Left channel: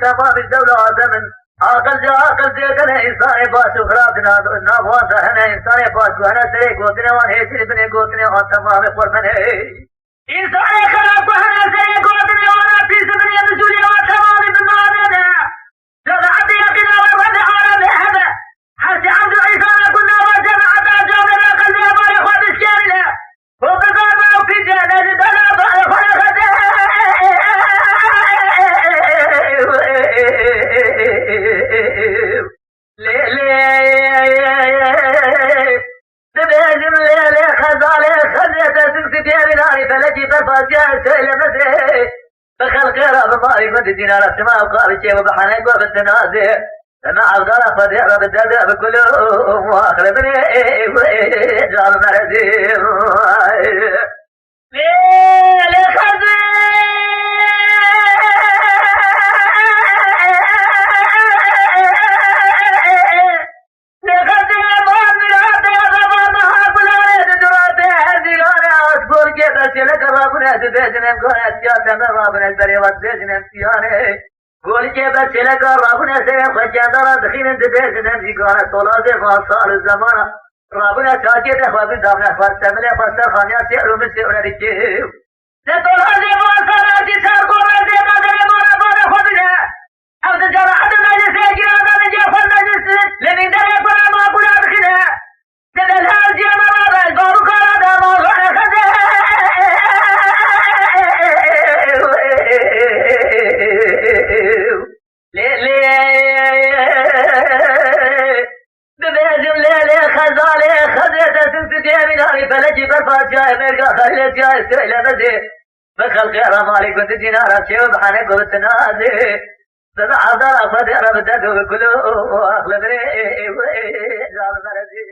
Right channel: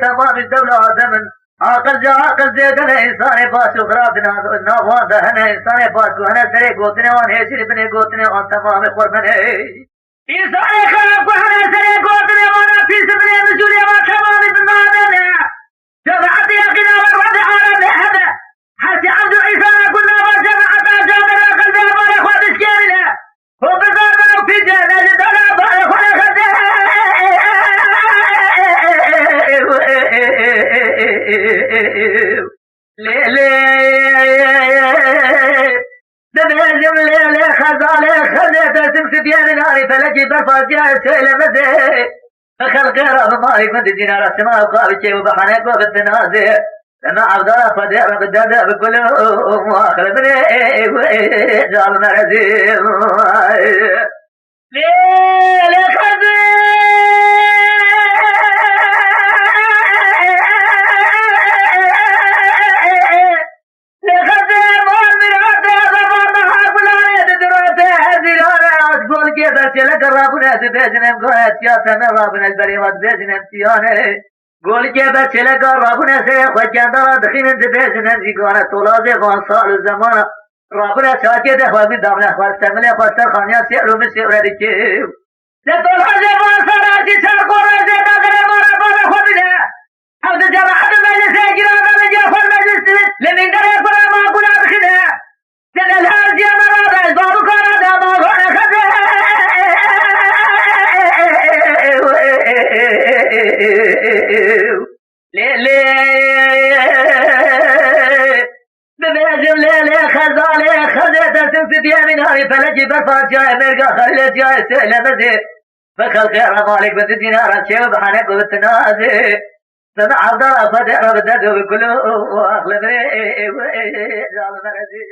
تمام الدولة زمن عقل جا عقل زيدنا إنسان باش وخرابنا نواده هنا إنسان باش وهنا سري قوتنا وان هيشري بني قوتنا وان تمام قربنا إنسان خراب وهنا سري قوتنا وانا في سبري رجولي وان تمام بمامنا جمعت يقنا ورد على هذا حتى عبد عيسى كنا وجمعت جامل قلب يا اخوات الشارع وبضربه في جنة البلد دبيجم ليلي خزالي خليته سمسك يا ناري فلجي بفاجئ سيلمتي فخلق رب مالك من دينار السماء وقال شيء وبحنك وبالتنازع لما عبدالله فدير بالدرداء بكله واخر بني جاب مرزيم ليلي خزي چله کر رابونه زبیجنم گونه سیاسم رابونه بری وقت بیجنم سیانه گل که به چله کر رابونه سه خجاندار دخین زبیجنم زیگانه طولازه خان سال زمان رابونه شاکی ده خوابی دامنه فرستمله فرستر خانیا سی رومی سی اوری که ده طولازه خان سال آجی سر قرر زیده دره مارا بانه خودیده او ده جماعت مجلسه گیران داره جفر مجلسی لمین داره قرار ما قرار بخیده ده دلها جیه مرادش بارو کارا ده موضوع خده ليلي ببيجم ليلي خزالي خزيت سمسك يا من هاري فلجي بفات جاي مرقا خليت جاي سئلة بدي فخلق يا مالك بنت دينار شيء وبحنك وبالتنازي فما عبد الله فدي رب الدد وبكله اخلبني جاب مرزي